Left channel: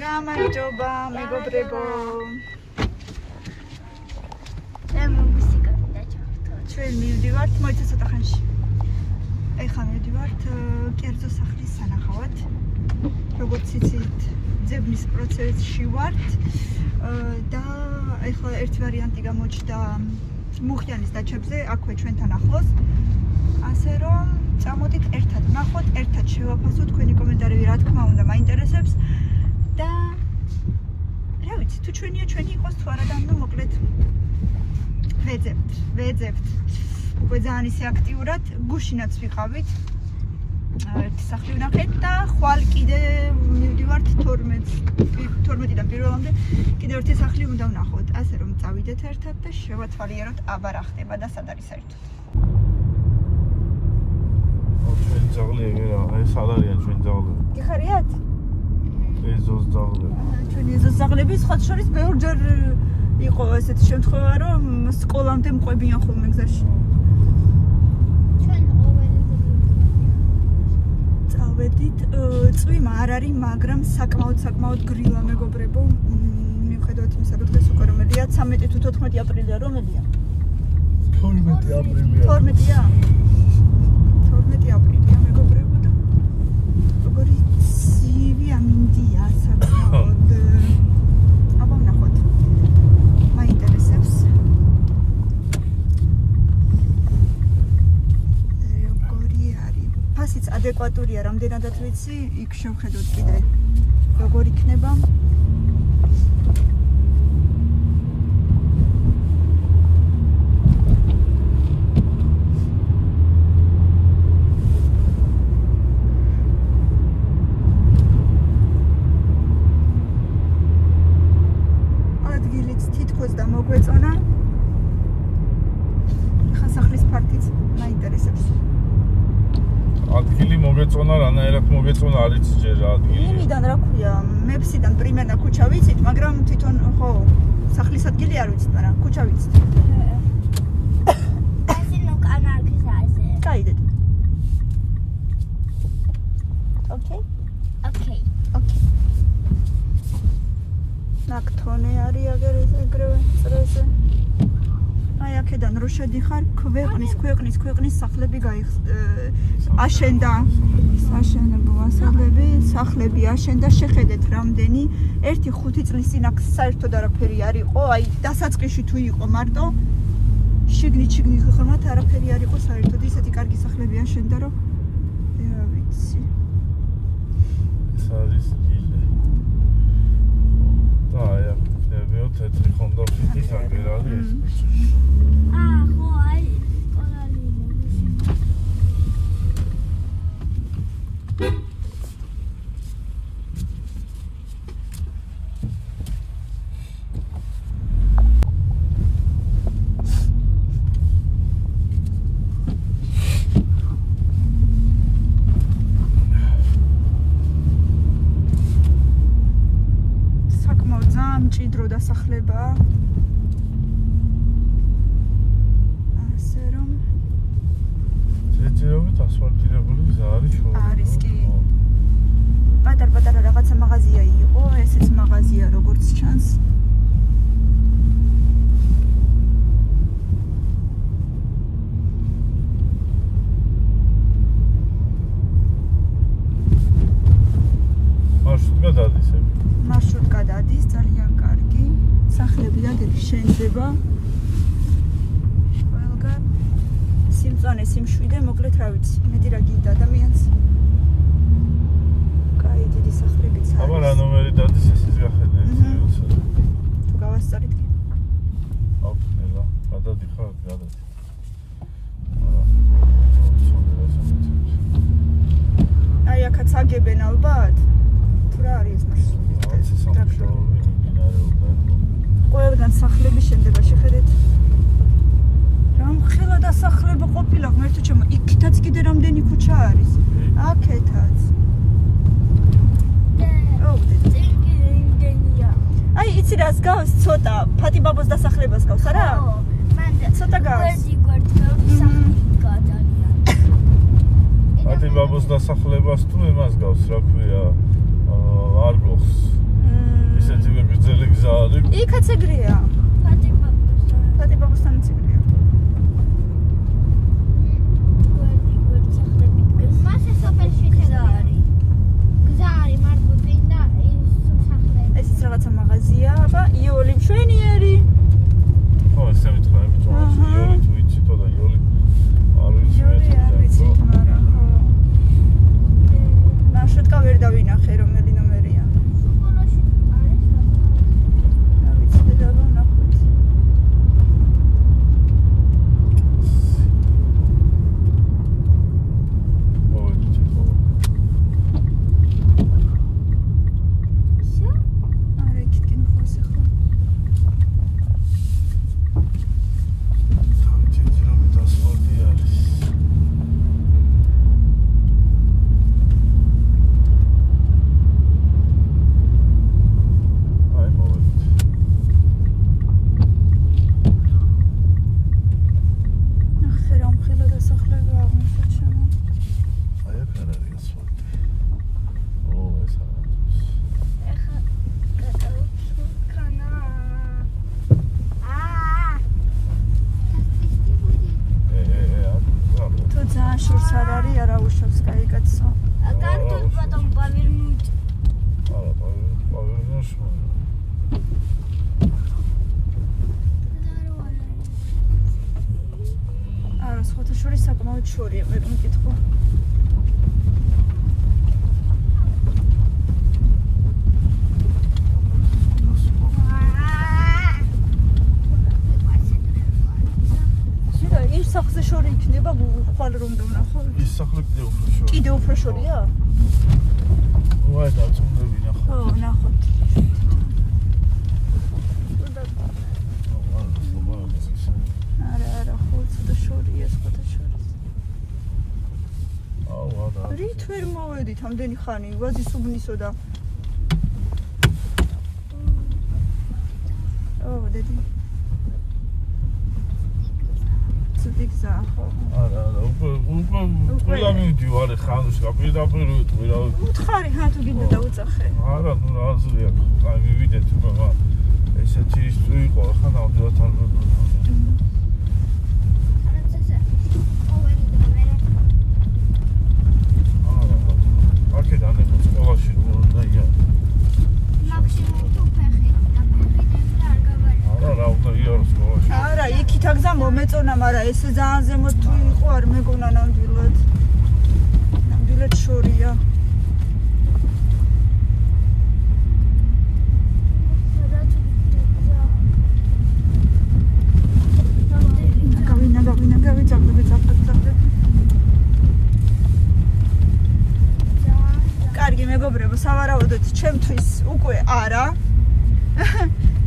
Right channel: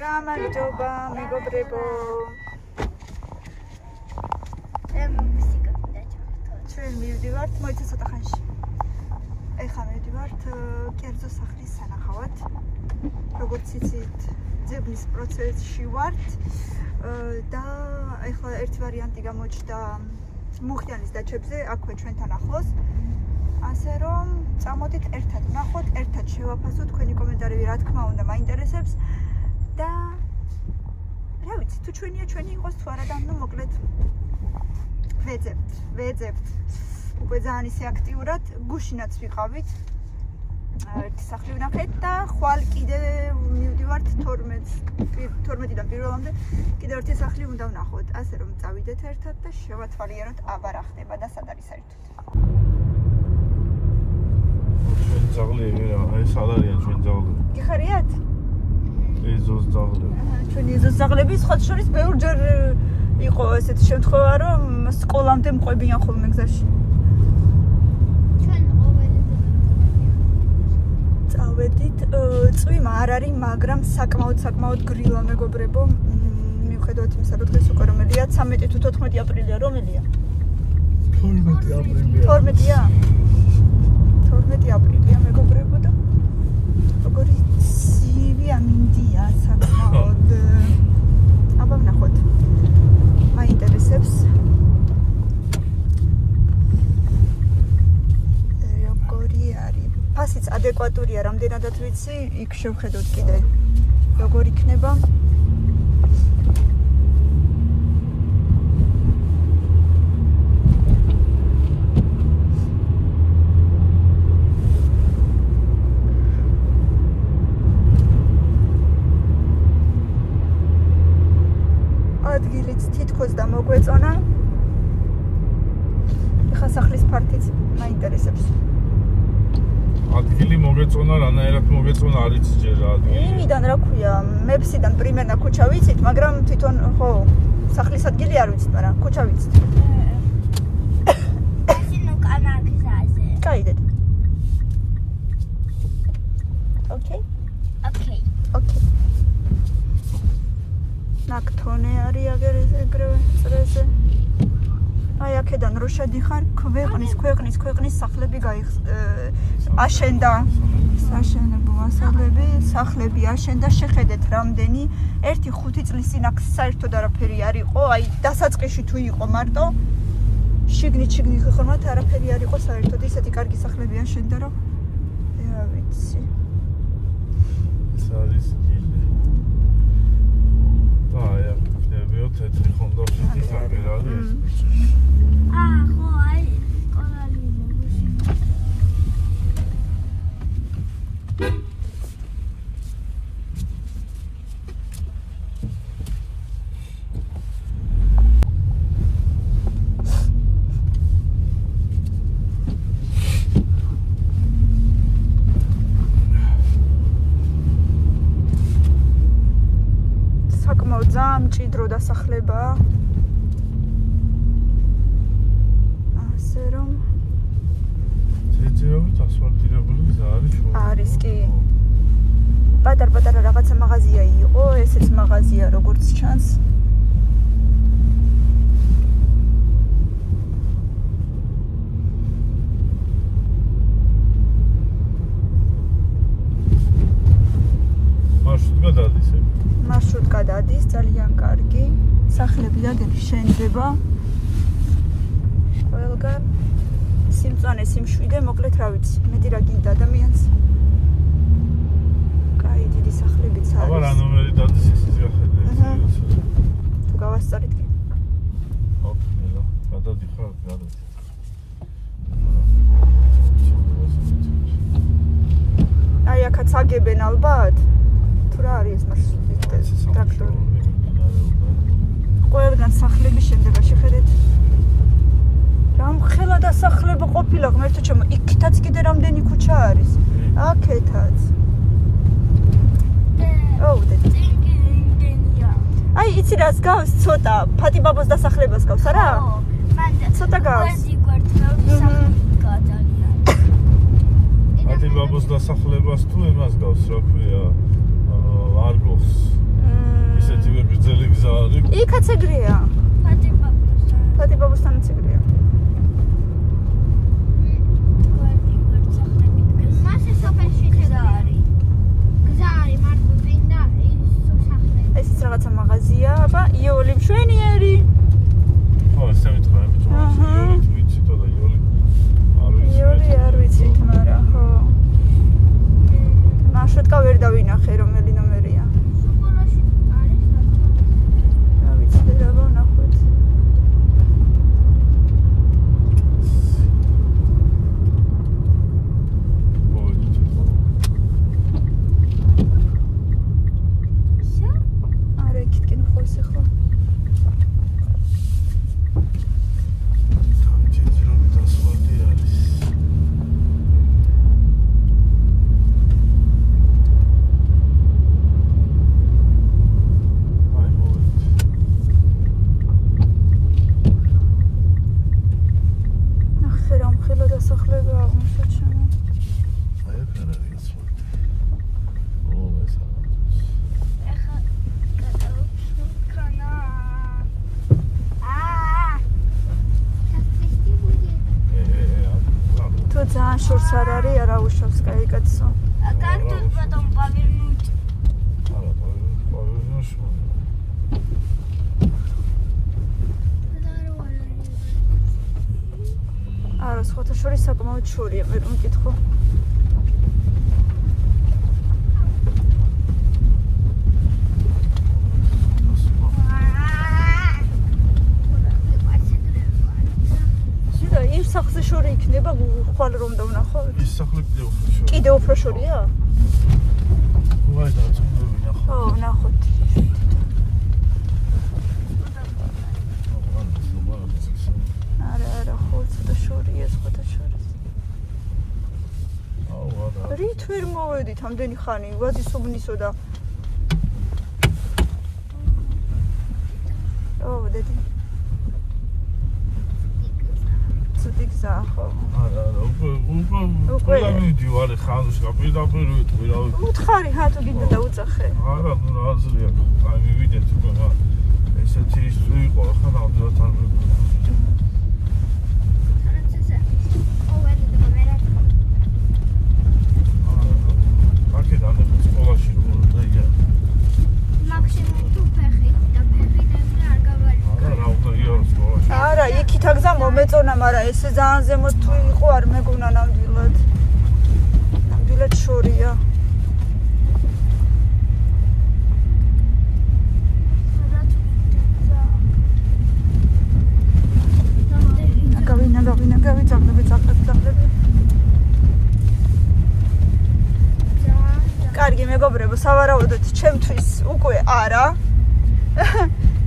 გამარჯობა მეგობრებო. ჩვენ მივდივართ მოიცა ცოტა ხანში. ეხლა მივდივართ კერძო სახლის სანახავად. როგორც იცით, ძებნის პროცესში ვართ და ეხლა ერთი ვარიანტი გამოჩნდა მუხიანის დაჩებზე, აქვე ჩვენთან ახლოს. ასე რომ წამოდით ერთად ვნახოთ, ერთად შევაფასოთ თქვენი კომენტარები, რა თქმა უნდა, მაინტერესებს და რა ვიცი, თუ ჩვენია, ჩვენი იყოს თუ არა და ნუ მოკლედ ვეძებთ. უკვე ძალიან ისე აქტიურად გუშინაც ვიყავით. ერთი სახლი ვნახეთ და ხვალ კიდე მივდივართ 12-დან პირველამდე კიდე ერთი სახლი უნდა ვნახოთ. ასე რომ წავიდეთ ერთად და შევათვალიეროთ აბა რა ხდება და სად არის საერთოდ. ჩვენ ძაღლები რა, აი სად არიან ჩვენ ძაღლები? გიხარიათ? ეზოს ძაღლები. ჩვენი ეზოს ძაღლები სხვა შორის ბევრჯერ იყო ესეთი შემთხვევა, რომ სკოლამდე მყვებიან ხოლმე გზაში. წავედით, წვიმა არ არის, მაგრამ საკმაოდ გრილა მეგობრებო. მიუხედავად იმისა, რომ დღეს უკვე რომელია? 13 თუ 14 აპრილია, რომელია? 12 აპრილია. 12-ია? 12 აპრილია მეგობრებო და როგორი ცივია მინდია საკმაოდ. აბა ვნახოთ. მაინტერესებს. როგორი არის? ფასიც ადეკვატურია, რამდენადაც ვიცი, იქ შევხედოთ კიდე. როგორ იქნება? ადგილიც თითქოს და მოგვეწონა. ხა სახლის ფართიც მაინტერესებს. ადგილი მოგეწონა, რანაირად მოგეწონა არ იცი ჯერ რა ადგილი. იმიდან რა ქვია, მეფსიდან პრიმერნა ქუჩა ვიცით, მაგრამ თვითონ ხო სახლის ადგილი არ ვიცით, მაგრამ ქუჩა ვიცით. გაიდეთ. ოკეი. ნაკთონე არის აგერზე ეგრევე. აი აქედან რო შედიხარ, ქვეყნის სახლები აშენდა. საშენებო სახლები აშენდა, შეხედეთ რამდენი 1-5 წლის წინ აქ საერთოდ არაფერი არ იყო, აი დასაწყისში თუ იყო მარტო შიგნით ხომათ არაფერი არ იყო საერთოდ, ისეთი კარგი სახლები აშენდა, რომ რა ვიცი. ეს არის დილე. და აი აქ ხდებიო თეთრი ხონდა ფიქრის აგერალი ეს. ხო, აი სკოლარი საკმაოდ ძალიან მჭიდრო დასახლებაა. ასე რომ ძეძეობით ასფალტირებული გზა არის შუა. არის კი. პატარ-პატარა რაღაცა მაღაზია იყო, ესეც მაღაზია როგორც ჩანს. მარშრუტკა დადის ეგ. მარშრუტკა დადის, ძალიან კარგი. სახლები დაგები შენდება. ყველგან სიმწვანე, სიმშვიდე, მოკლედ რა ვიცი, მეტი რა გინდა ადამიანს. კაი, დიდი სახლებიც არის. აბა რა ნომერი დადის ეს გახედე. თუ გავასწორით კი. ოკეი, რა. გადადიხარ, გადადი. აი, აქაც აგებენ ალბათ. თუ რა არის მარშრუტი? ტრაქტორი. ყველგან სახლები შენდება, შეხედეთ. რამხელა დასახლება ყოფილა, ღმერთო ჩემო, იქითაც კიდე რამდენი ქუჩა არის. აქეთაც. აი, იცი რას გავს ცოტა, ფატიბაბოს დასახლებას გავს, არა? ცოტა გავს. ფატიბაბოს დასახლებას თუ იმას გავს, რა ქვია, არ გავს. იქაც ეგრეა. ფატიბაბუსთანაც ეგრეა. ესეც რაღაცა მაღაზია, აბა იოლი მშვენიერი. ხო, ესე ვიტყოდი ბიჭო, იოლი თუ ვიცით და იოლი იოლი არ ვიცით, მაგრამ ხო. ნაშვეთკა ვერ დავინახე, რომელი ნომერია. შორს არ არის, არა უშავს კაიკაცო. Cartul потом повернуть. Повернешь. არა, სხვათა შორის საკმაოდ შორია, ვერ მეკითხო. კიდე უფრო შორია? ვაი, დაწუნები ნახო. აუ, ნახოთ. არა, ხო, შორია, სხვათა შორის. აუ, არა. რით ვერ მოვედით ამდენი ხანი, ვადის უბნისო და. აუ, დედი. უკვე მივდივარ ხანს კაპიტალურ ვიტყვირავ. უთხარი ხათო გინდა დაუწახე. არა, ნუ აზრია. აი მივიდეთ უკვე. ესეთი ის იყო, ახლა ნამდვილად არ ვიყო. აქედან სკოლაში უნდა ია. Максимум თუ ფეხი და ფეხი არ გავარიქა. არა, უნდა იარ სკოლაში. არა, იქით აგზა მომეწონა, მაგრამ ესე ძალიან ზემოთ თუ იყო არ მეგონა ნამდვილად. ნამდვილად შორია. კარგი მეგობრებო, სავარაუდოდ ჩემთვის უკვე არა.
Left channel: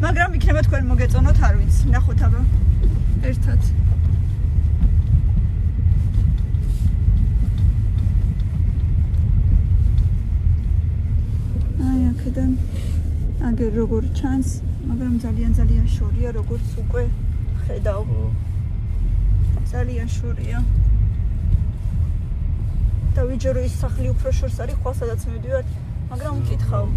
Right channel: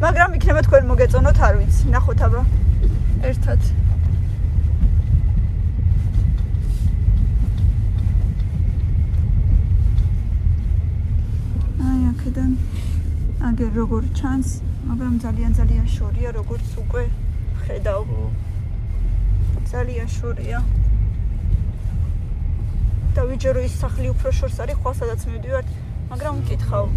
მაგრამ იქნება თქვენ მოგეწონოთ, არ ვიცი. ნახოთ აბა. ერთად. აი, აქედან აგერ როგორ ჩანს, მაგრამ ძალიან შორია, როგორც უკვე ხედავ. ძალიან შორია. დავიჯერო ის სახლი უფრო შორს არის, ხო სადაც მივდივარ, მაგრამ ვკითხავ.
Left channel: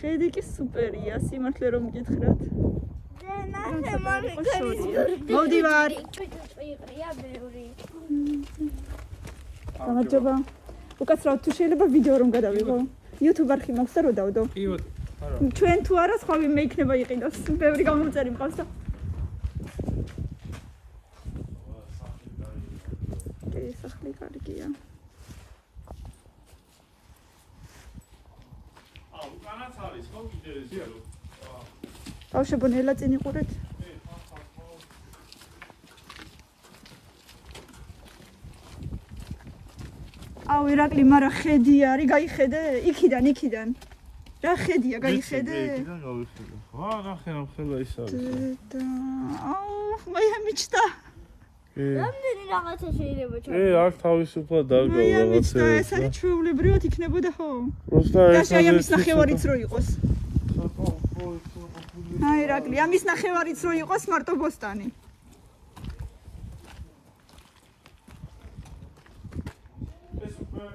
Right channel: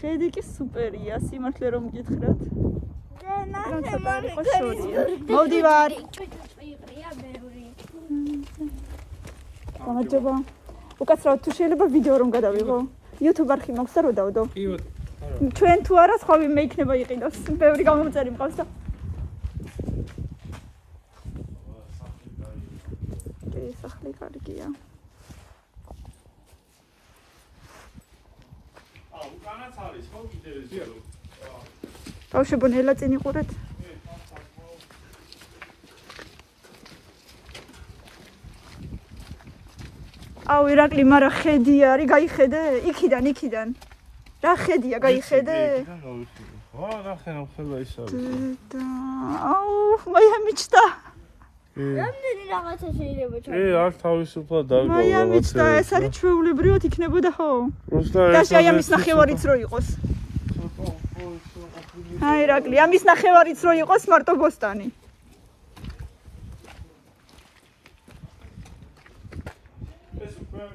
ხედი კი სუპერია, სიმართლე რომ გითხრათ. მოვდივარ. გამარჯობა. უკაცრავად თუ შეიძლება ვიდეო რომ გადავიღო. YouTube არხი მაქვს და რო დავდო. ჩვენ თუ არა სხვა ვინმე იქნება იყიდოს. ბევრი გამომწერი მყავს და. ეს სახლი კარგია. უკანაც არის ხო კიდე ეს? ბავშვებო, ნელა წინ იყურეთ. აუ, ირაკლი, მაგრამ ხედი არის, გაიხედე? იქიდან. რა ხედია, გაიხედე? ვა, ნახე ხელა ის არის. აუ, მაია მიჩნდა. რამდენი რაღაცა შეიძლება ჩაი? აქ თავისუფლად დაგავა რაღაცა. მაია მიჩნდა, ეს არის ჩვეულებრივად იქნებოდა ხო? და აი ამის ნახევარიც რო იყოს. აი, ირაკლი, ამის ნახევარიც რო იყოს მარტო ბოსტანი. აქ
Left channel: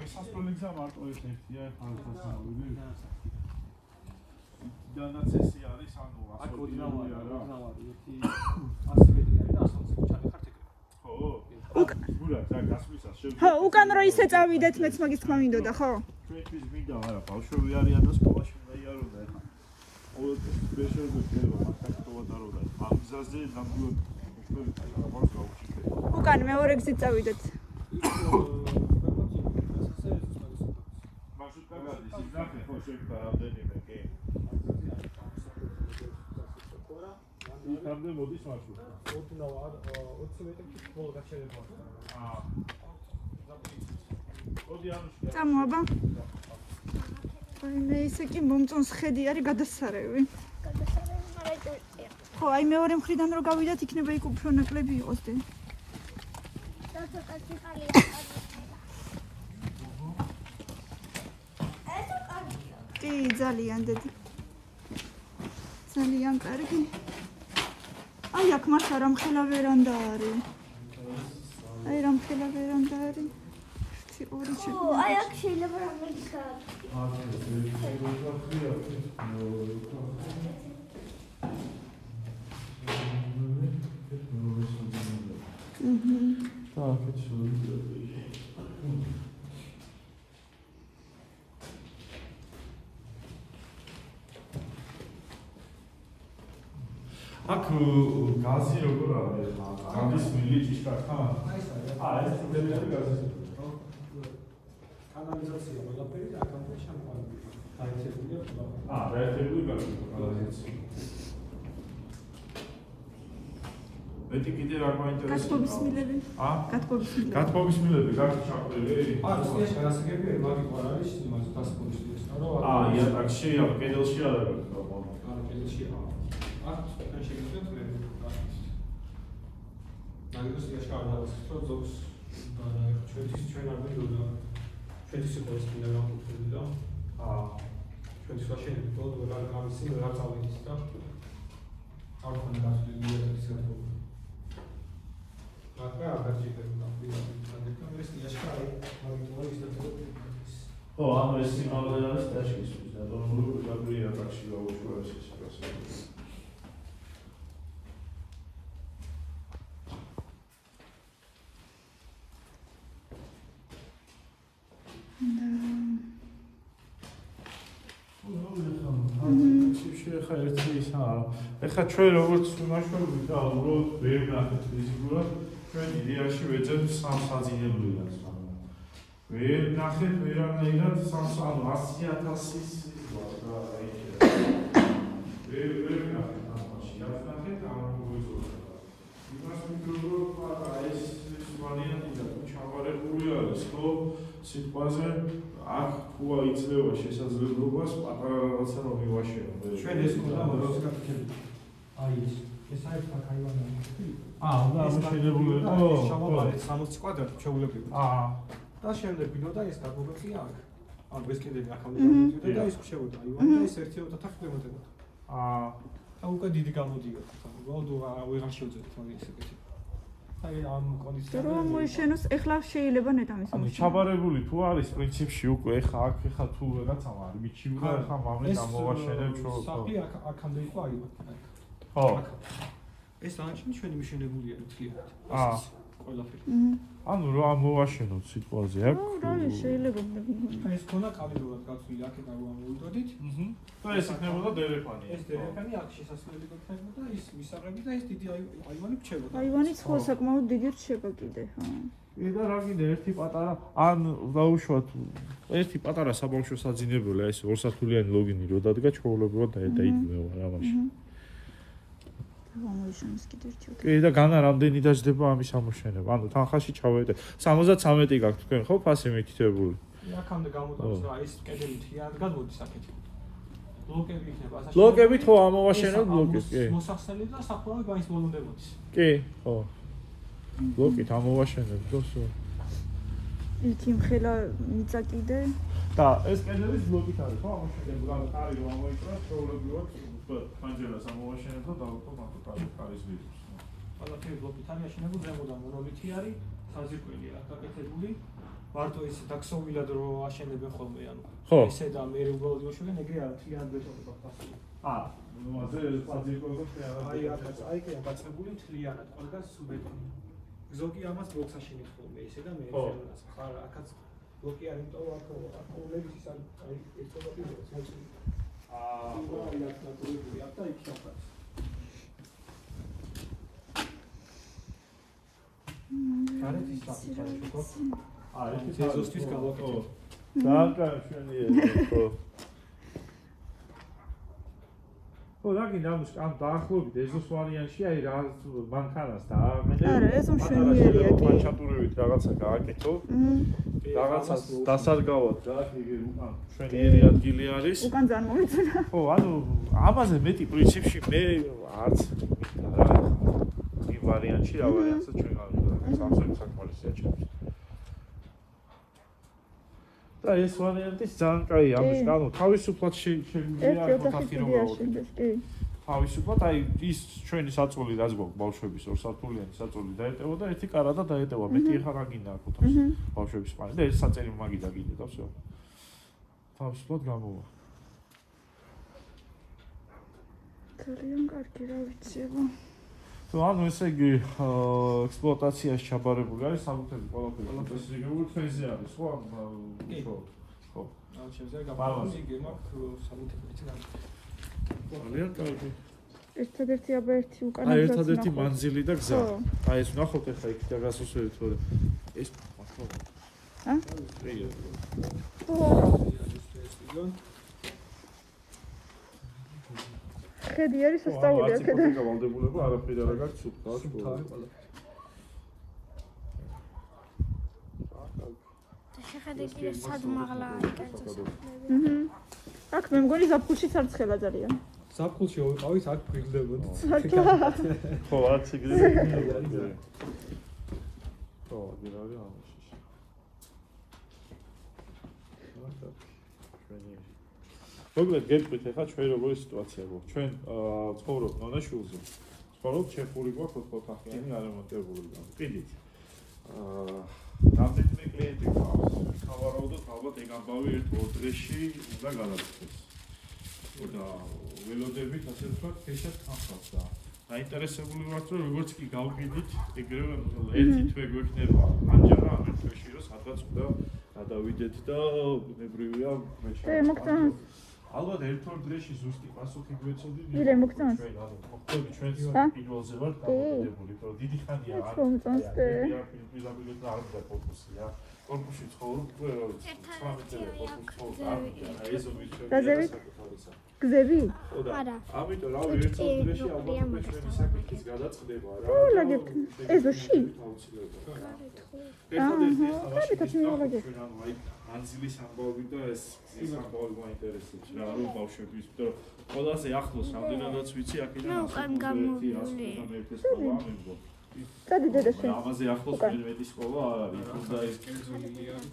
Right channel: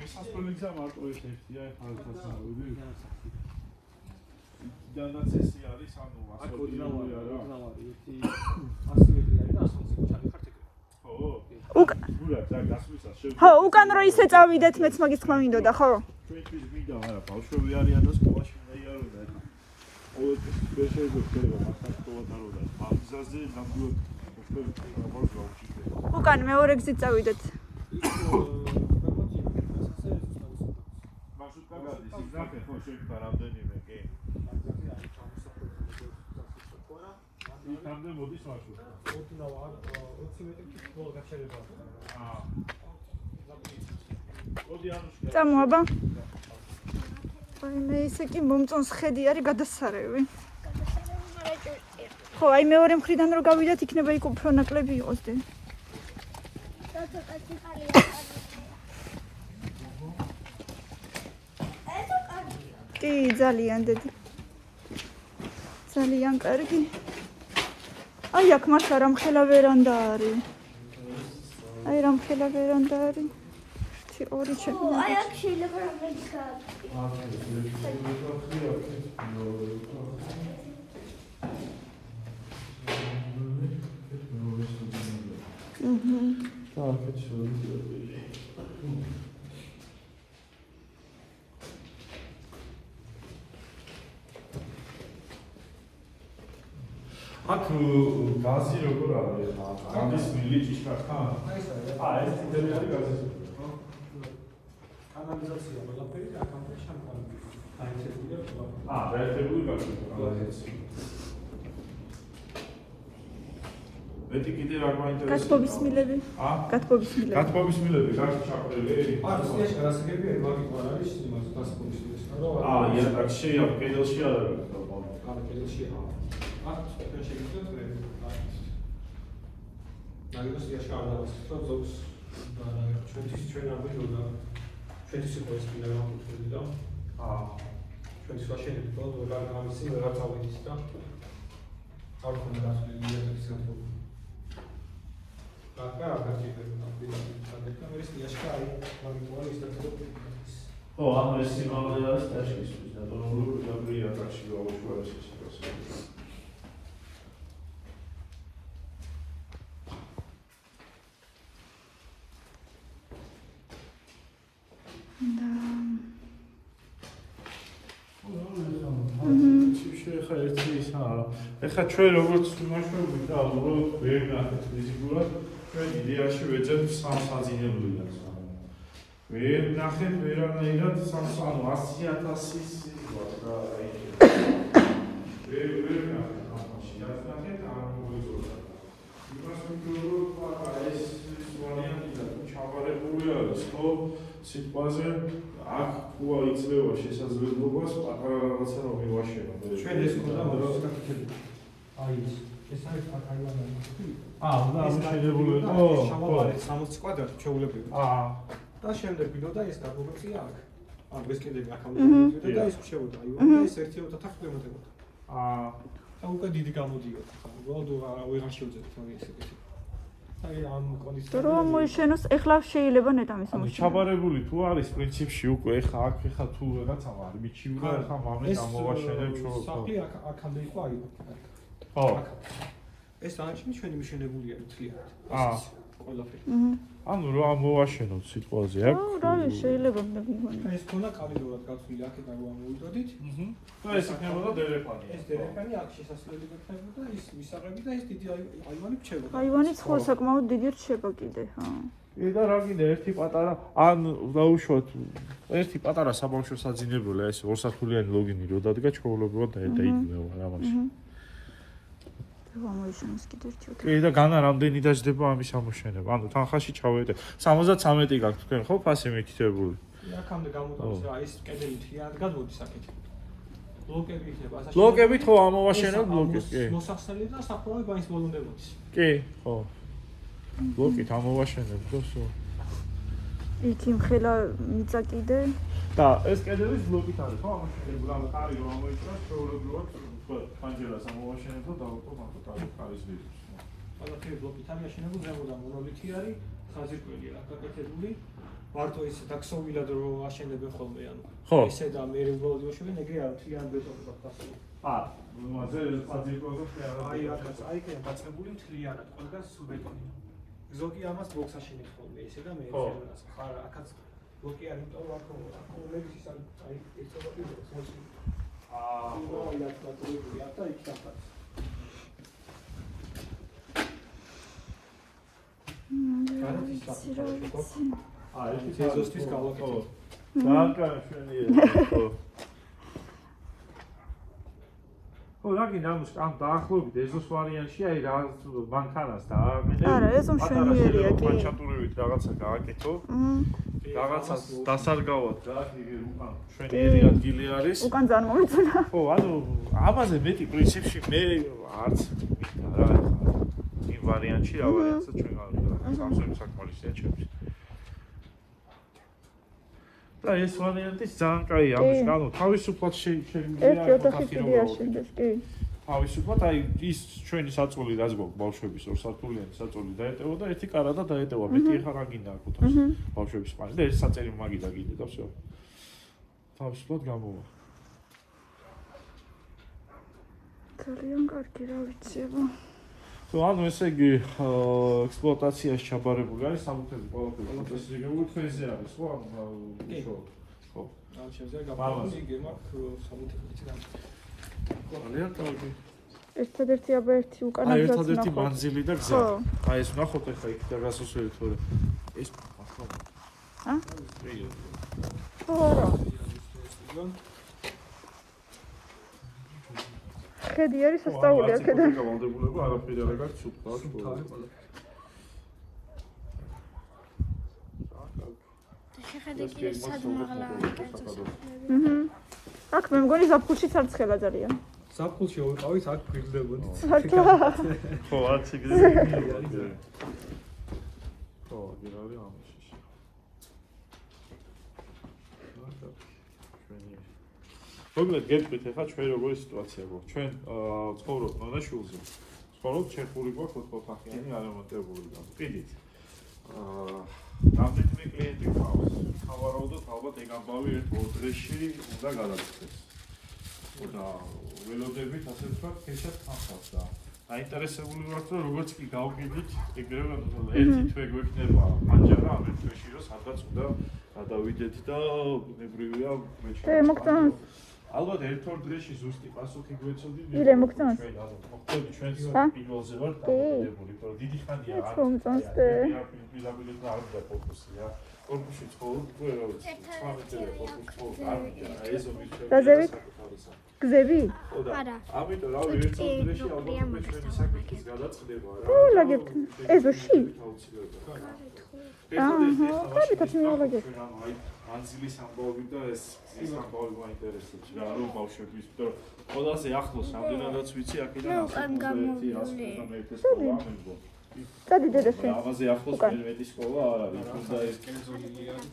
შესასვლელია მარტო ეს ერთია, ხალხოსნაური. დანაცესი არის, ანუ აქ ორნავარი არა. ერთი 100 მეტრია და 120 ჩაგიხართ ეგრე. ხო. უკან და გასვლისას ხო, უკან რო ისე წავიდეთ, მეც მაგის თქმა მინდოდა, ხო? ჩვენთვის მინდა არა, ბავშვები არიან და სკოლაში უნდა იაროდნენ. ყოველთვის შეიძლება მასაკოვატაროდა. ამ გზაზე ნამდვილად უკან მეორე გზით წავიდეთ. მარშრუტკა გადის, ის ნახე ხო შეიძლება რამდენიმე, კი. ის რამდენი მოდის მარშრუტი? 20 მეტრი კიდევ გაჩერება. წამოაბა. აი მე ისე კი მომწონს ხედი არის გადასარევი. ხო, აი მეორე მხრიდან რო გავიდათ, იქნება იქ უფრო ნაკლები იყოს დი. კი, ძალიან დედი. ძალიან კარგი. აი აქ მართლა რამხელა ვერანდა არის. აი რამხელა ვერანდა არის. ორი ჩემი. აი აქ შეიძლება რამდენიც აქ გაზი როგორ არის? გადის მილი ჭიშკართან? ეს თუნდები არის გაზი. ანალიზაცია ყველაფერი და აკონტექსტი შამპანი. დაერთებული გაზი. მეტი კიდე რა გვაინტერესებს? გათბობის მილები. გათბობის მილები. გათბობის მილები, გახი ჩაყრილი. ეს გასაგებია, მაგით არ არის იმას პასპორტში. იატაკში, კედელში არ არის. კედელში არა. აქ შეიძლება მე. ნაგებია შევარდავს, ზოგს ჩვენ არ მიდოდა. ჩვენთვის იყო ეს კიდე რა კუთვნილი და ჩვენთვის ვაშენებთ და რა გამიცი რა წავიდის და არ ქონდა გასული იატაკის გათბობა. აკა გასწრებდა და მე ის იაშკა მაგიტოა ის და ო ანუ ეს სიმბოლო არის დაშლის და როგორ გაგვია ტაში გაუშვება სიტუაცია. ხა ერთი ისაა. ეხლა ჩვენ როგორც ვიმაშვებით და უბრალოდ ვერ ნახეთ ფიზიკურად, ჩვენ იდეაში ვეძებთ სამსაძინებლად. ვერ ნახეთ ვერანაირად ანუ 100,000-ის ვარ და აი ვერ ნახეთ ამაში. რაც ნახეთ არ მოგვეწონა. იმას ვიგულობ ეს ვარიანტი და ჩავარებული არის, ხო? სიტყვაზე აქ ყუა იძლევა შესაძლებლობას პატარა რაღაცა რომ მივაშენო. ჩვენ ეს უნდა დავსკაფიქები. აი ეს არის აქაიანა. უნდა ამოშენებული იყო. შევავარეთ 60 კვადრატ ჩეულებრივ. და შემდეგ ვიდოდა ეს დაგუროწია აქ. ან ეს კიდე აქამდე და ეს შევიდა. აი ეს 1.5 ხმებოდა. და უკვე დიდი გამოდიოდა. უბრალოდ ვეღარ შევძებთ ეს ისეთი. აი ამ კონდიციონერში რომ მოიშენოს, ეხლა შეიძლება ნეტამის ამოშენოს. ჩაბარებული თუ არის პრინციპში უკვე ეხა აქ თუ რაღაცა არ მიჩივრა ახლა მამე გამოვაშენებ შო. საფი აქამდე იყო აი. ხო. ეს აღნიშნული ჩვენი მიშენებულია მთლიანად. ყველაფერი. ანუ რა მოვაშენოთ სიტყვაზე აქ? რა შეიძლება მიგონი. ეს ქონა კაბინურად გაცვლილი აქ და გამოვიდოდით. და ეს იქნებოდა დერეფანი. ეს დერეფანი აქ შესასვლელი გაქნებოდა ის მისაღები და ეს დიდი აივანი რჩებოდა. აივანიც ხო საკმაოდ დიდი რჩება კიდე, ხო. და რა გინდა ერთი პატარა ან დაუშვათ ერთი პატარა საბავშვო საძინებელი ეს ორსართულიანი ლოგინი რო დადგა ჩვეულებრივად დაიდგმევა რა მაშინ. გამოიშენოს კიდე ერთი. კი და განა რამდენი დაждდება ამის ამოშენება. ანუ თანხაში ჩავედე 73 გაქვთ თქვენ ხო ფასი მითითებული. აქამდე გამოდავს რა ის კედელი თლიანად გადმოდის აქეთ. ბლოკები იქნება ასაშენებელი. ბლოკებით ხო ამოვაშენებ ბლოკებს, კი. მოსახსნელი და სახურავი ბანის ბოლომდებოდის. კი, ხო. ბლოკით ამოვაშენებ და всё. იქ იმხელა მიწა კიდე და ეს კედლების ბლოკით არის, ხო? ამაში გრამ ხარი რომ მოიწვევს, პრობლემად თქვა პანჯერას ამოვაშენებ და დავუყო მაგ ხარის ვიდეოს. ყველაფერი ბლოკით ამაშენებულ ზემოდან მონოლითი არის, ხაზიკველი არ გაკეთებული. მარტო ისე დაქსოვილად რომ აშენებენ ხოლმე, ანუ ესე და მე უბრალოდ იმუშავებენ, ეგრე არ თლიან ბეტონებად გასული. მასე ხაზიკველი აი კენ გაწებული თლიანად, ყველგან სულ ბეტონი. ზოგი ამას ბოქს აშენებს ხოლმე ისე და მე ეს ხარ აქაც ბლოკი არ იმიტომ რომ აქ მეგზის აი ეს ტოპიებს მოწმ. ნორმალურად დაწებული აქ და იქ ჩახარ. გარეთის საფუძველი ხო? ეს ზოსთვის გავაკეთე. ბანკა ხო, რა გინდა ამის ამ დაახლოებით ეზოს ვარიანტში აი რა მანქანას და არა, ეს მშვენიერია კი. ჩატურივით რაღაცა გააკეთო. რაღაცას დასარგავად რა, იგი მშვენიერი ადგილი არის. უკან ძალიან მომეწონა. ხო, ანუ ამაზე მეტი პრინციპში მე არც იმ ვარიანტში რაღაც ჩვენ არ სამსახურს საკმარისია ჩემთვის. და ეს ვარიანტი ძალიან კაია, ამის გამო თავისუფლად შეიძლება ფოტოგრაფირებულად. თავისუფლად აი ის ჩვენი საწოლი რაც გვაქვს ბავშვების ორსართულიანი საწოლი დაეტევა და ერთი კარადა დაეტევა. მეტი ახლა რა გინდა აქ უთხოს ბავშვების პანი და ეს საწელი მაგიდა გინდა და всё. თავისუფლად გამოვა. ძალიან კარგი რა ვიციო. ანუ ესე იგი ექსპლუატაციაში ჩაბარებული არის სამუთები ყველაფერი ეს გეგმურთვეზე არის ხო ანუ ხო ამ შეზე გაბარებული გემაქვს სამუთები რა ძალიან კარგი ერთადერთი აბა ერთი უკანა აი ერთადერთი მანძილი და გზა აი ეს ნახოთ ახლა იქ და გასასვლელი თორე ეს ახლა ხედი არის სასწაული აქედან. გავალდებულება არაფერი არ აქვს სუფთა სკოლა. შეხედეთ ის სადმაღლა კერძო. აქ მე მგონი ზაფხულშიც არ ცხელა ძალიან. ზაფხულში ვიყავით აქ გვიგდებოდი. ხო, აქ იგზავნა. ხო, გირავი ამაში. მოგეთ გეტყვით ახლა ჩვენ როგორი სიტუაცია გვაქვს. ჩვენ ცხოვრობ მონაშულზე. ცხოვრობ ჩეხური გვაქვს 4 ოთახიანი არემონტებული და კიდით. რამდენიმე კლიენტი გვაქვს. სავარაუდოდ ალბათ ეგ ამბავი ერთ-ორ დღეში უნდა გადაწყვეტს. და ველოდებით ასე ვთქვათ, ქეშად ხანხავს და აინტერესებული ვართ რომ როგორც კი გავყიდით, ეგრევე ერთი თვე გვექნება მანჯარა ამ ერთ თვეში რომ სადღაც უნდა გადავიდეთ და ბუნებრივია მოგწონს ალბათ ერთ-ორ დღეში ზუსტი პასუხი გვეცოდი. ირე მოგწონს. მოხდები ჩვენს პირველზე ვართ დამოკიდებული, რომ დიდი ხანია არ მოგწონს და ვიზაბილეთ და არ და ფოკუსია. კორპუსში ცხოვრობ, გზები? ხო და ამიტომ რავი ერთ-ორ დღეში ალბათ ჩვენი საკითხის გადაწყდება რა. ეზოში? ანძილის ამბავი და ეს ამბავი მაინტერესებს რა რომ ბავშვების იმიტომ ყველაზე ახლოს რამდენადაც ვიცი აქედან ერთი სკოლა ამენგო ამაზე ახლოს მერვეთი სკოლა არ არის უნდა ეს კენზოლილი არის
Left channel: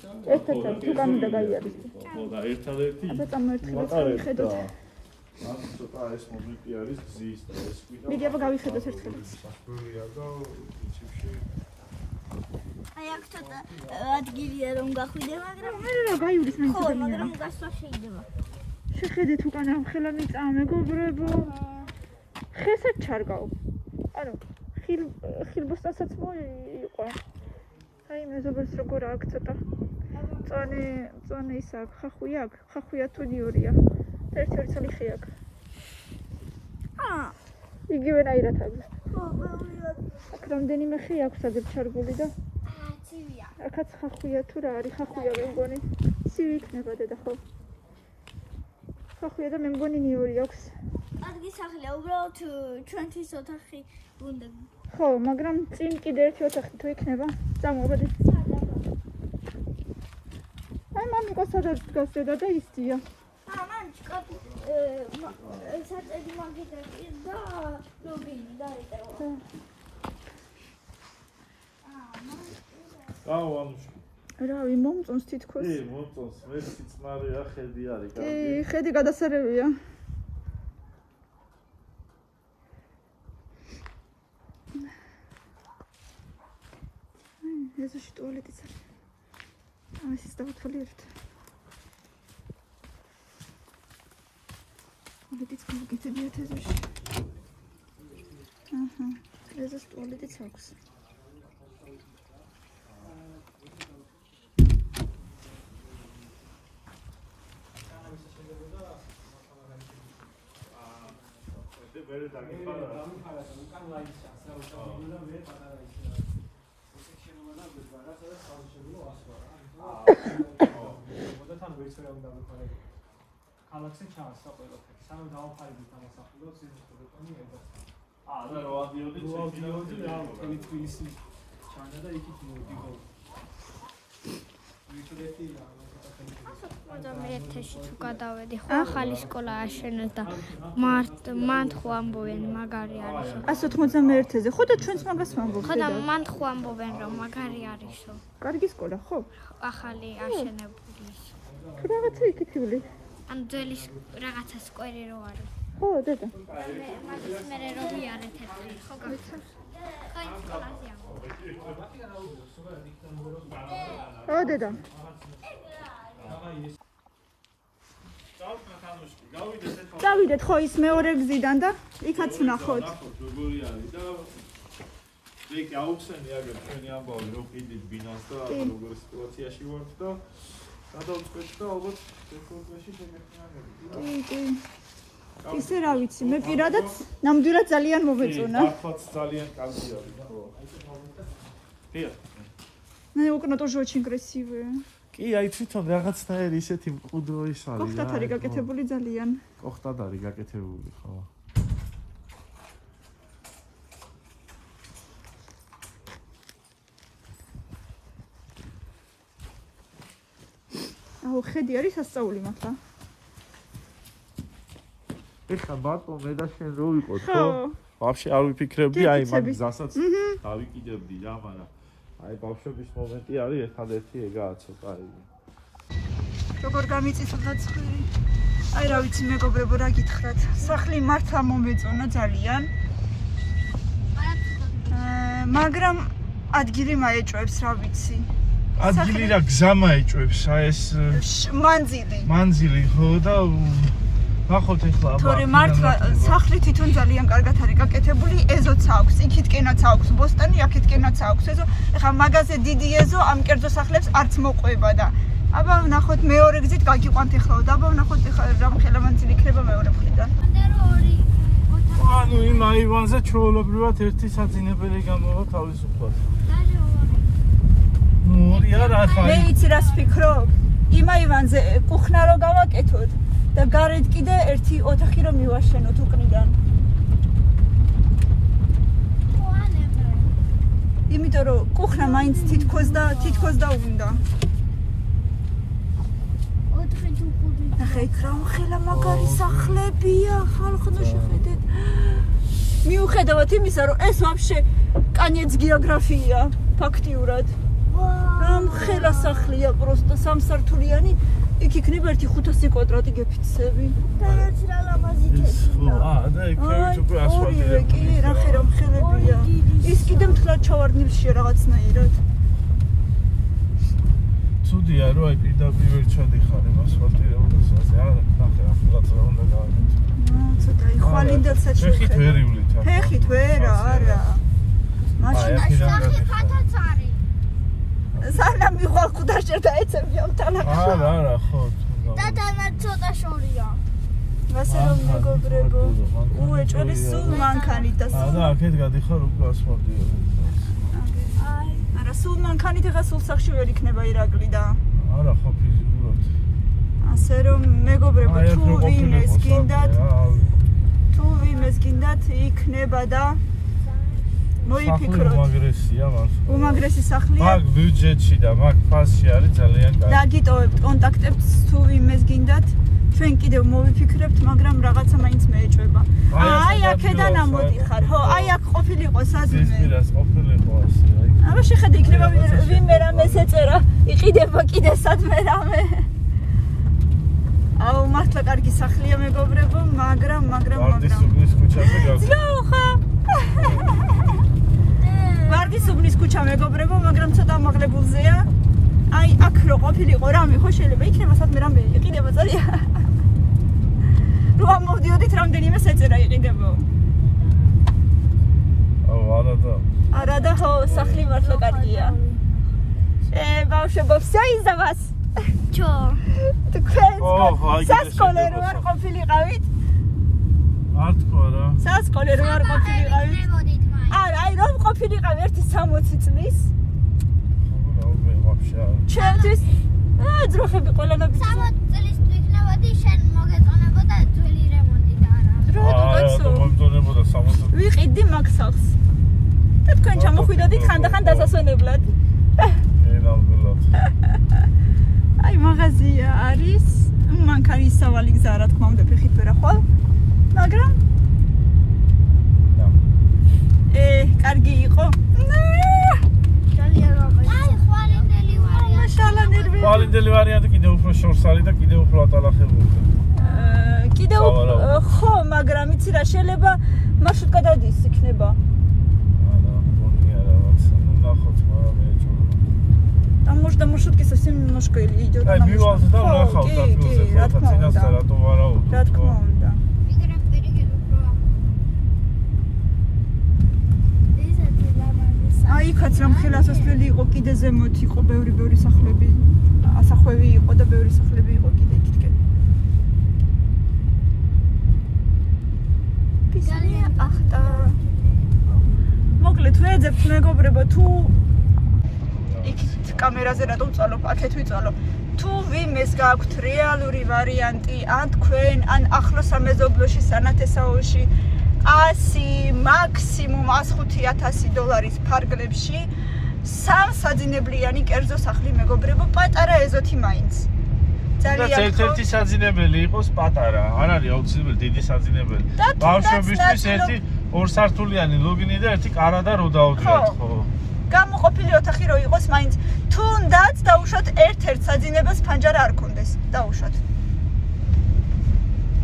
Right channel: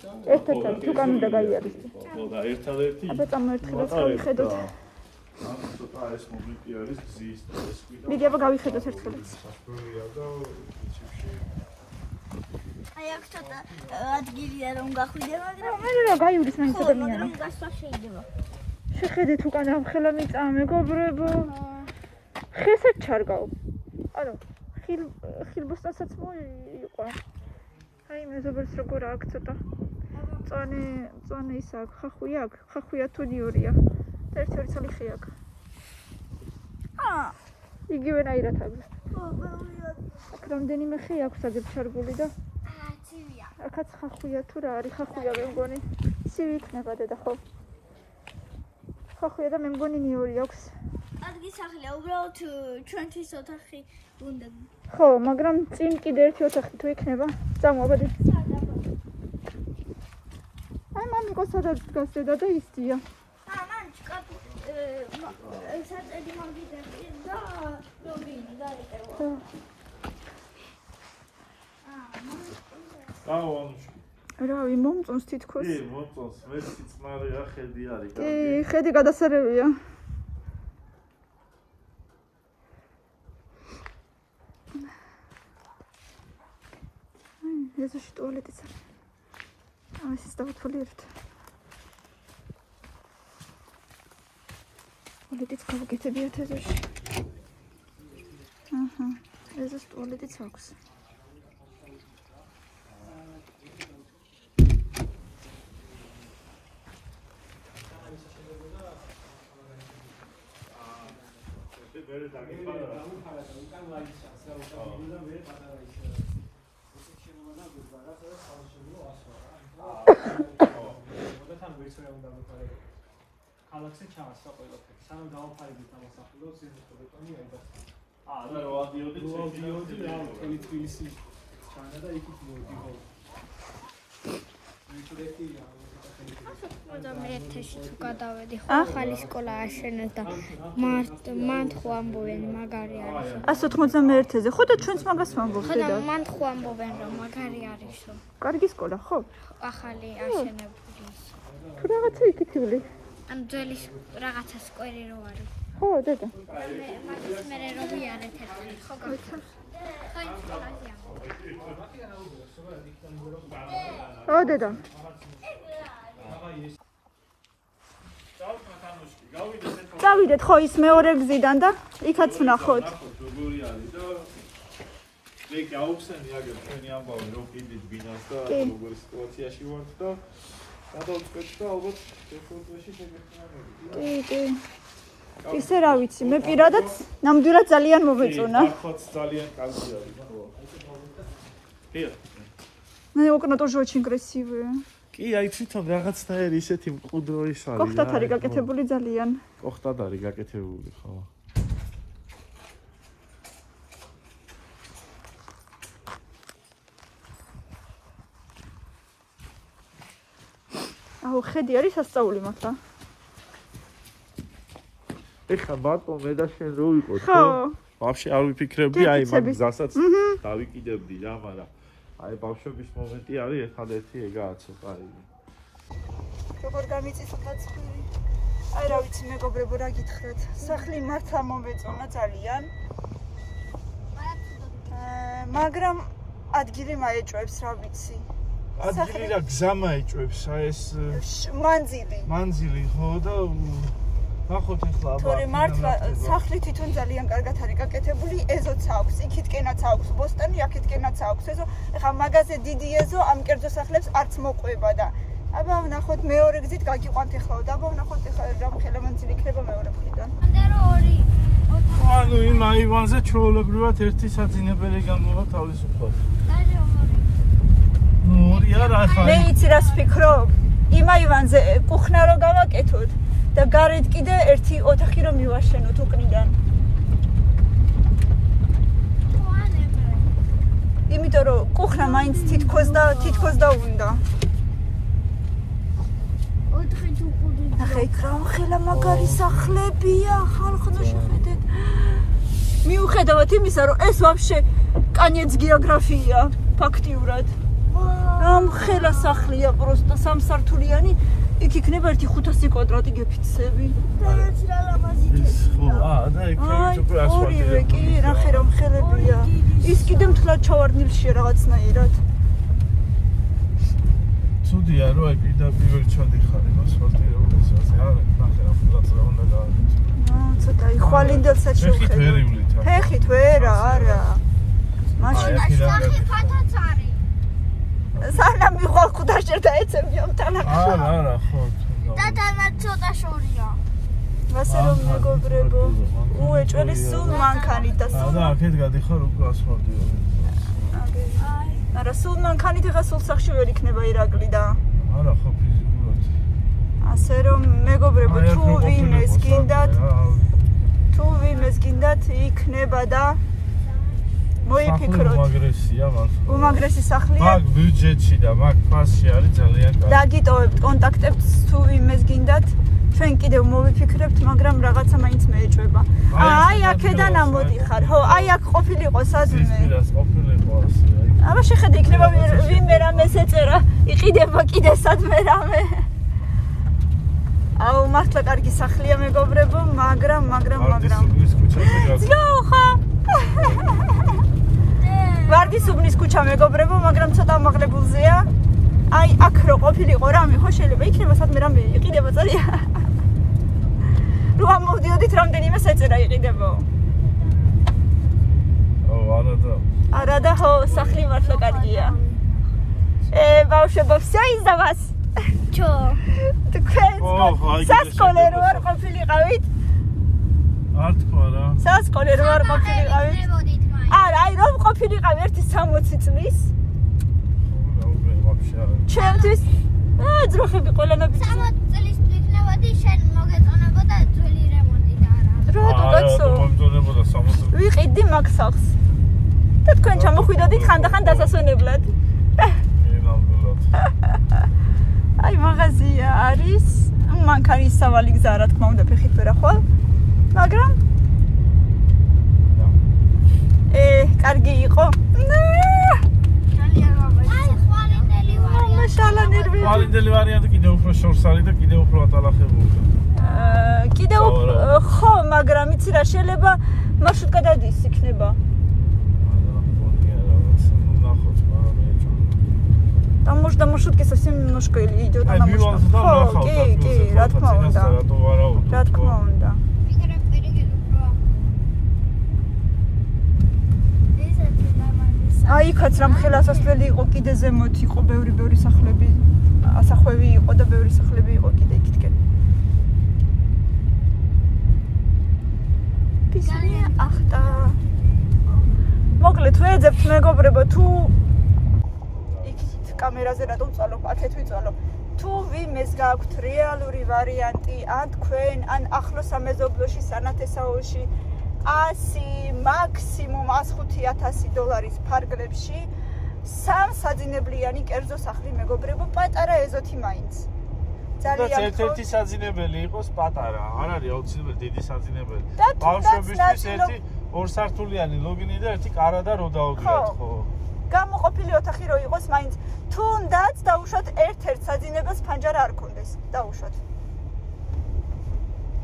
და ერთადერთი ხედოთ ცოტა ეს მომენტი არის გზის და ეს მიდი აბა გავიხედოთ ერთხელ აი აქ ცოტა ადგილია რომ გახვიდე, მაგრამ არა გაივლის მე ცოტა მაგრამ გასვლა შეიძლება. შეხედეთ უკან ამ ხელა მიწა მეგობრებო. ხესაც ჩარგავ. ანუ ხილბოსტანსაც მოიყვა. აი მეზობელს როგორ აქ ცოტა. წვანე ის აქ, ხახვია აქ, ხახვია თუ ნიორია. და ერთ-ერთი ცალი ხე აქ. იგივენაირად აქვს. აქ რამდენიმე ხე აქვს აგერ ჩარგული და აქაც ხახვია თუ რა არის ხახვია მე მგონი ცივი იქნება დედა ხო ხახვია და მე მგონი ნიორი აქვს ადგი სახლია უბრალოდ ჩვენთვის ოთახი უნდა ხო მაგრამ წინ კიდე ერთი ოთახი თუ იქნება წამოვაბადე აი მამიკო სადაც დგას დედა და ისწია მან საწედი მაგიდა და გოგინი დაეტევა აუ ანუში რავი, მომწონს თითქოს. კი, მომწონს, მე სიწყნარი რა ხედი არის. კი, ხედი გადასარევია. ეზოში ტუალეტიც არის. ამასაც დავთვალე ერთ. ტუალეტიც გავაკეთებიათ ეზოში. აჰა, ეზოში ტუალეტიც აქვს. Very მეთეში თუ გადავედი ხო ახალი სკოლა აშენეს და მან ხო ამბობენ მაგარი არისო 191-ზე ხო და ჩვენც მაგას ვამბობთ ხო და მან ხო ამბობენ რომ მაგარი არისო კარგი სკოლა ხო ახალი აშენებული თუ რაღაცა იკითხული ან ძველი რაღაცა სკვერი რო არის ხო დედა მაგის მე რო ვიარეთ ერთხელ ხო გახსნა აი სკოლაზია ხო დედა წავიდეთ ხო ის მეორე გზიდან და იქაც ვნახოთ როგორი არის და მე გავხსენე აგერ ჩვენი ამბავი რომ კიდე ბინას და როგორ სიტუაციაში ვართ და გადავწყვეტ და ალბათ დეფოლტში შეგეხმარებით კი ისე რა ვიცი მე პირადად ნამდვილად ძალიან მომეწონა ხო ძალიან კარგი არის ხო კი მე окна тоже очень красивые კი, აი თვითონ რაღაცნაირი ისეთი მყუდრო ის არის. კოხტად არის გაკეთებული ძალიან. კოხტად არის გაკეთებული, ხო. აუ, ხედი არის სასწაული მართლა. ეხლა მარტო მე და შენ რო ვიყოთ, ხო? ვაფშე არ ვიფიქრებდი, აი მაგ გზასაც დავიკიდებდი რა, მაგრამ აი ბავშვების მომენტი არის ერთადერთი ეგაა ცოტა იგი. როგორ გამიწისხდა ცხვირი? აი რა ვიცი მეგობრებო რა გითხრათ. სახლი მართლა მომეწონა ძალიან. მაგრამ ადგილი მაეჭვებს რა ვიცი. ადგილი რა გზა მაეჭვებს, აი ეს მანძილი ხო და ახოთ ეხლა თორე მართლა სახლი თვითონ ძალიან კარგად არის გაკეთებული, ეზოც აქვს, იქითკენაც აქვს ბოსტანი, აქითკენაც აქვს ეზო. ეხლა მაგაზე დიდი ეზო ამ კერძო სახლებს არც მოყვება და აბა ვნახოთ მეორე გზით გაგიყვანთ ეხლა და აბა ვნახოთ ეხლა რამხელა მანძილი იქნება მეორე მხრიდან. ანდერო ორი ანუ იმ აივანზე ჩვეულებრივად ერთი საძინებელი გამოვა თავისუფლად. ორი არა ხა. მე იცი რას ვფიქრობ? იმ აივანზე კუხნა რო გავაკეთოთ და გარეთ კიდე ერთი ოთახი რომ მივაშენოთ უკრიდან. იმიტომ რომ კუხნა მაინც თითქოს და უნდა. ოთხი თუ ხუთი ახლა იქ რა მაგარი სახლებია, ხალხო შეხედეთ. მიუხედავად იმისა, რომ ეს ვაფშე კანიეც გეოგრაფია ფაქტიურად. ამ ხელა სახლია პროსტა სამსართულიანი, იქ იქნება 1500 კვადრატი გეფიცები. და რაც რა ლამაზი ხო, და იქნებით უკვე ასფალტირებული. რა ხერომ ხელებია. ის კიდე მთლად ჩავარდნილშია რაღაცნაირად. ცუდია რომ აი პირდაპირ ჩადიხარ იმ ასფალტირებულსაც. არა, ნახე ახლა რა უნდა გავაკეთო. ცოტა იხვალინდელსაც ფეხით ვერ ივლით. ფეხით ვერა, არა. მაშინ სახი ფათაც არის სანამ მიყვალ ხუდაშერ და ეცემია თანახმად. არა, ხო. და თანაც ცოტა შორია ვასილო მეგობრებო, მოეჭველი სულ მანქანით და და აქეთ გადიხარ უკვე ასფალტირებული. არა, სულ მანქანით ეხა სულ სახში ვერ იქნება ირაკლი და არა, ხო ფიზიკურად. ასე რომ მეგობრებო, თუ ვინმეს გინდათ იქნება და მოიფიქროთ. უმაგრესია მართლა. უმაგრესი სახლია. მაგ ბიუჯეტში და მაგ ფასში არის ძალიან კარგი. დაგიტოვებთ კონტაქტებს თუ ვინმეს გინდათ. ჩვენ კიდევ მოვიფიქრებთ, მაგრამ რაღაცა მაინც მეეჭვება. აი აქედან ამოდიხარ. ხო, აი აქ ყოფილიყო საზმე. ეს პირას ყოფილიყო ასე, აი. აბა შეხედე იქნება ვინმე რამეს ეწერა. იყიდება კიდე სადმე რამე. აუ მართლა კარგი სახლია მეგობრებო, მაგრამ ვარდისუბნის ქუჩაზე გადის. ნუ ხო. ვარდისუბნის ქუჩა მეგობრებო, მაგრამ ცოტა ამაღლებულზეა. აი აქ რო ყოფილიყო რამე ხო შეიძლება იქნება სადმე რამე იყიდება ძალიან. რომ მოვდიოდით რამდენიმე საწერა იყიდება. არადა ხო სახლი მართლა კარგია. ბავშვებო, всё из-за вас. Чё? თქვენ სასკოლე რო არ ყოფილიყავით? არ თქვა რა. სასკოლე რო არ ყოფილიყავით? არა, აი რომ ყოფილიყავ ერთი 60 წლის. ჩემთვის ძროხები ყველანაირად 60 წლის ვიქნებოდი, შენ მოგეწონებოდა ძველი რემონტი და არა. რა მომწონებოდა 60. ვიყიდი მაგ სახლს. და თქვენ ჩამოხვიდოდით ხანდახან დასასვენებლად. აი მაღაზია არის, მანქანის სავალი გზა რა თქმა უნდა ფეხით ვერ ახვალ. მაგრამ კარგი იყო. ვალინდელი ვარიანტი კიდევ უფრო შორს არის და კიდევ უფრო ატალახებულია. კიდევ ხო, მაგრამ იცი რა შეიძლება მარშრუტკა დადის იქნება. Там можно маршрутки совсем немножко идет. Ай, милося там нахал, რა თქმა უნდა. რატო ვარაუდო? რა თქმა უნდა. აი, იქაც რამ ხელასასვლელი იყო, კიდე ზემოთ იყო ბევრი სახლები. ასახვევი იყო და ბევრი სახლები იყო კიდე იქითკენ. ძალიან ახტა. მოკლედ ვეძებთ მეგობრებო, თუ კამერაზე რატო ვწვალო, აქეთ ვიწვალო. თუ ვინმეს გაქვთ რეალური ვარიანტი, ან თქვენ, ან ახლოს სამეზობლოში, სანათესაოში 100, მაქსიმუმ 105,000 დოლარის ფარგლებში, სამ საძინებლიანი კერძო სახლი მეგობრებო, პატარა ეზოთი მაინც. ძალიან ერთ-ერთი საძინებელი იყოს პატარა, არ არის აუცილებელი დიდი საძინებელი. ბავშვებისთვის ერთი ორსართულიანი ლუგინი და ერთი კარა და რო დაუდგათ, ხო? გამოყოფილი ოთახი რო იყოს მაინც თუნდაც დაუშვათ ერთ-ერთ საძინებელს ფანჯარა არ ქონდეს დაუშვათ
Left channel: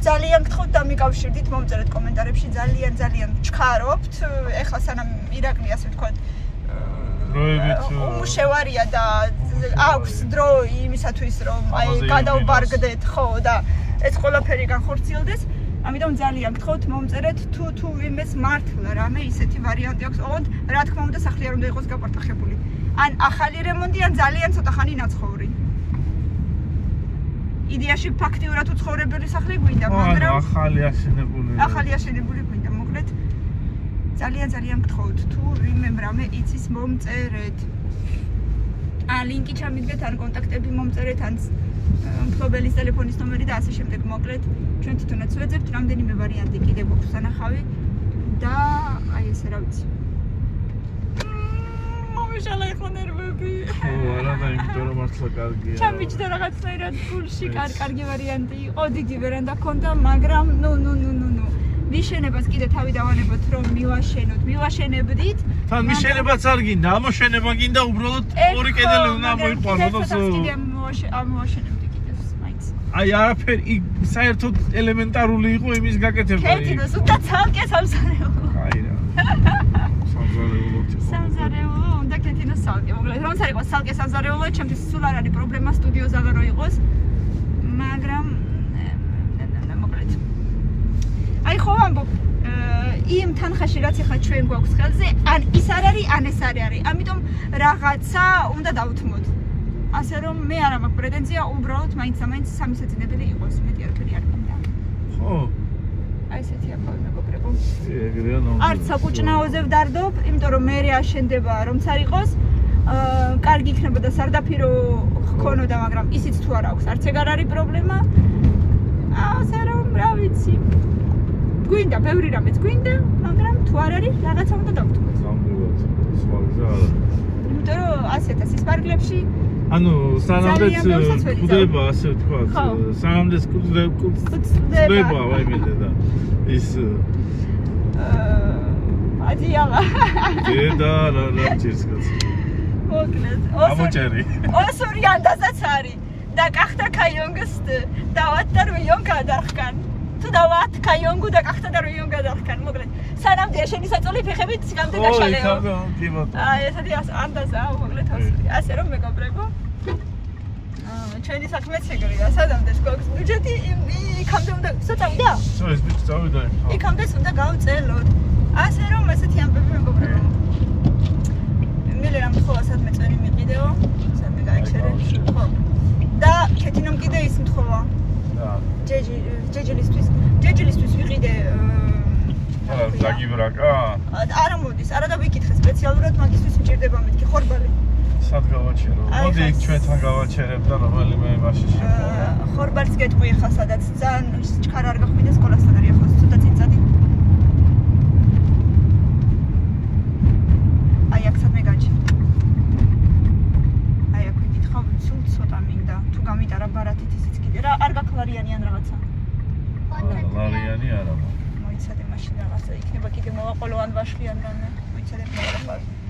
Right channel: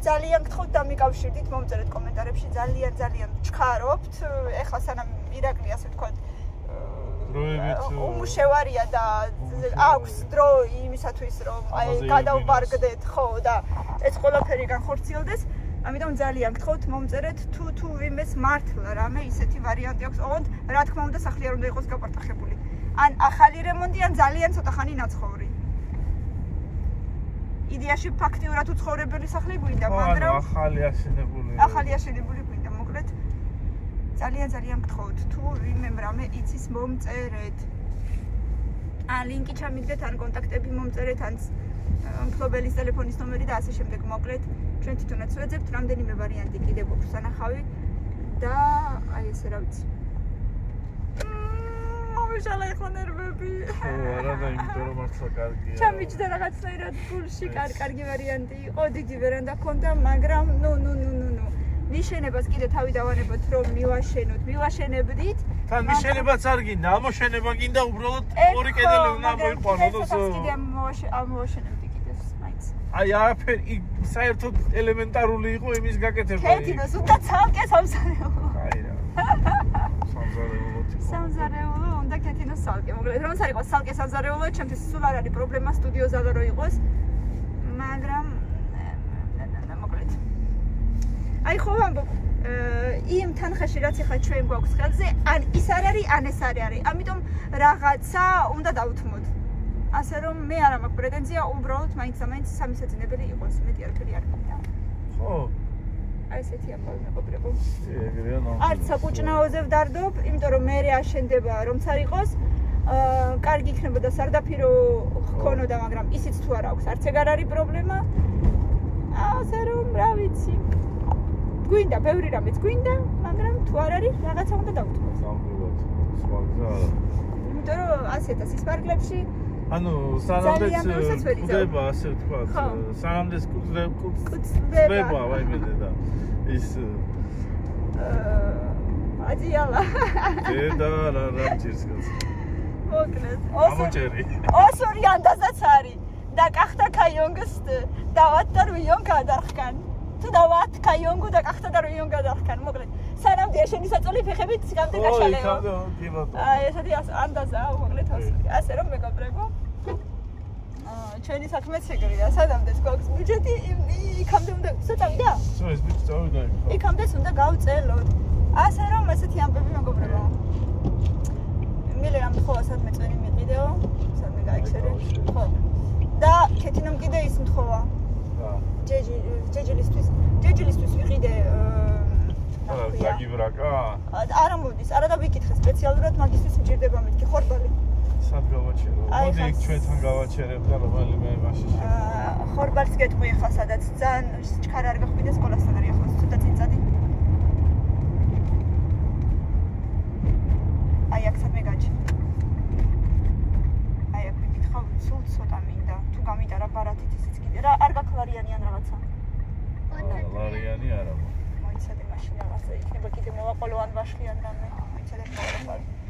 ძალიან გთხოვთ დამიკავშირდით მომწერეთ კომენტარებში ძალიან ჩქარობთ ეხლა სანამ ირაკლი ასე ვთქვათ შევარია და აქვს დრო იმისათვის რომ აი გადავბარგდეთ ხო და ეს ყველაფერი განხორციელდეს ამიტომ ძალიან გთხოვთ მომწერეთ თუ ვინმეს მართლა რამე ისეთი ვარიანტი აქვს ოღონდ რა თქმა უნდა სახლი არ უნდა იყოს გაპარტახებული ან ახალი რემონტი ან ძალიან ცოტა ხანი ნაცხოვრი იდეაში ფაქტიურად უცხოვრებელი სახლი გვინდა მაგრამ ახალი აშენებული გვინდა მოკლედ ძალიან გთხოვთ თუ ვინმემ რამე იცის მომწერეთ ან ლინკი ჩამიგდეთ ან კონტაქტები მომწერეთ ან მფლობელის ტელეფონის ნომერი და ასე შემდეგ მოკლედ ჩვენ თვითონაც ვეძებთ რამდენიმე ვარიანტი კიდევ გვაქვს სანახავი და აი ესე რა ვიცი მომიშალა ეხლა ნერვები არა და იმიტომ რომ მართლა კარგია ჩამიჯდა რაღაცნაირად გულში კარგი ვარიანტი იყო დიდი ვერანდა ჰქონდა მაგრამ ნუ მიშენებას კიდე თავი დავანებოთ რომ მივაშენებდით თან მიშენებაც არ გინდა ამოშენება გინდა უბრალოდ ორი კედელი უნდა მოიყვანო და ამოვაშენებდი კიდევ მაინც აი არაფერი საერთოდ ელემენტარული იყო იმის გაკეთება კეთილოს უნდა ცალკე სამზარეულო აი რა სამზარეულო უნდა კეთილოს ცალკე მოკლედ რომ არ იყოს ცალკე სამზარეულო ჩემთვის სულ არ არის პრობლემა სტუდიოზავე რო იყოს მაგრამ აი ხო ვამბობ იმ თანხაში რაც ახლა ჩვენ გვაქვს ხელზე ან ის არ არის ან ეს არ არის ამიტომ რაღაცა უნდა დავთმოთ ასე რომ მე არ მაქვს პრეტენზია უბრალოდ მაინც სამი საძინებელი იყოს მეტი არაფერი არ მინდა ხო აი ესეთი ამბავი მეგობრებო ეგრეა არც საკუჭნაოზე ვდარდობ იმიტომ რომ მე აშენდება რომც არ იყოს კარგი იქნება და სარდაფირო ჰქონოდა მაგრამ ისიც თუ არ აქვს არც ეგ არ არის პრობლემა ასე რომ რა ვიცი გვინდა, ბევრი რამეც გვინდა, მაგრამ თუ არ არის, რაღაცა უნდა დავთმოთ. ზამბულად, სხვაზე არა. იმიტომ რომ 100,000 პარკლებში ანუ სანამდეც ხდება, ასე ვთქვათ, სანამდეც ხდება, ვაიმე და ის ადიალა. და რა ჭირს კაცი. მოკლედ. ამოჭერი. Osuri andazats ari. Da qaxta kayongus da attar million gadarxkan. Tu davat kayongu da qaxta da million gadarxkan. მოკლედ. სანამდე შენი საწოლი ფეხებით სამდე გაშალეო. ესეთი ანდაზა მოკლედ Osuri. ასე რომ მეგობრებო. ჩვენი საქმეც ეგრეა. სანამდე გვაქვს ბიუჯეტი იქამდე უნდა საწავდა? ეს ბიჭი წავიდა. იქამდე უნდა გავწელოთ. ასე რომ ესეთი ამბები მეგობრებო. მილე რამ თხოვა სადმე წერი მიყიდეო. სადმე გაიჩერე. ხო. და ქეთინომ კიდე ის მთხოვა. და ჯეჯილისთვის ვიყიდე დაგიბრაკა? არა მოდის, არა და ვიკითხე სპეციალურად მაგისთვის მჭირდება მეთქი ხორბალი. სად გავაჩერო? მოდი იქ ჩვენთან გავაჩერებ და რომელიმე მაშინ შეხვდებით. ხორბალს გეტყვი ხა სადაც ძალიან ჩქარა არ გახვიდე სკოლასთან არის ახლა ცოტა წიწადი. აი აქ სადმე გაჩი. აი აქ ვიკითხავ სულ ცოტა მინდა თუ გამიტარა ბარათით ისიც კიდე რა არ გაკლარიანიან რაღაცა. ლარიანი არა. მოიცადე მაშინ რაღაცა იქნება კიდე მოვაყოლო ან ვაშლიან რამე მოიცადე მოყოლე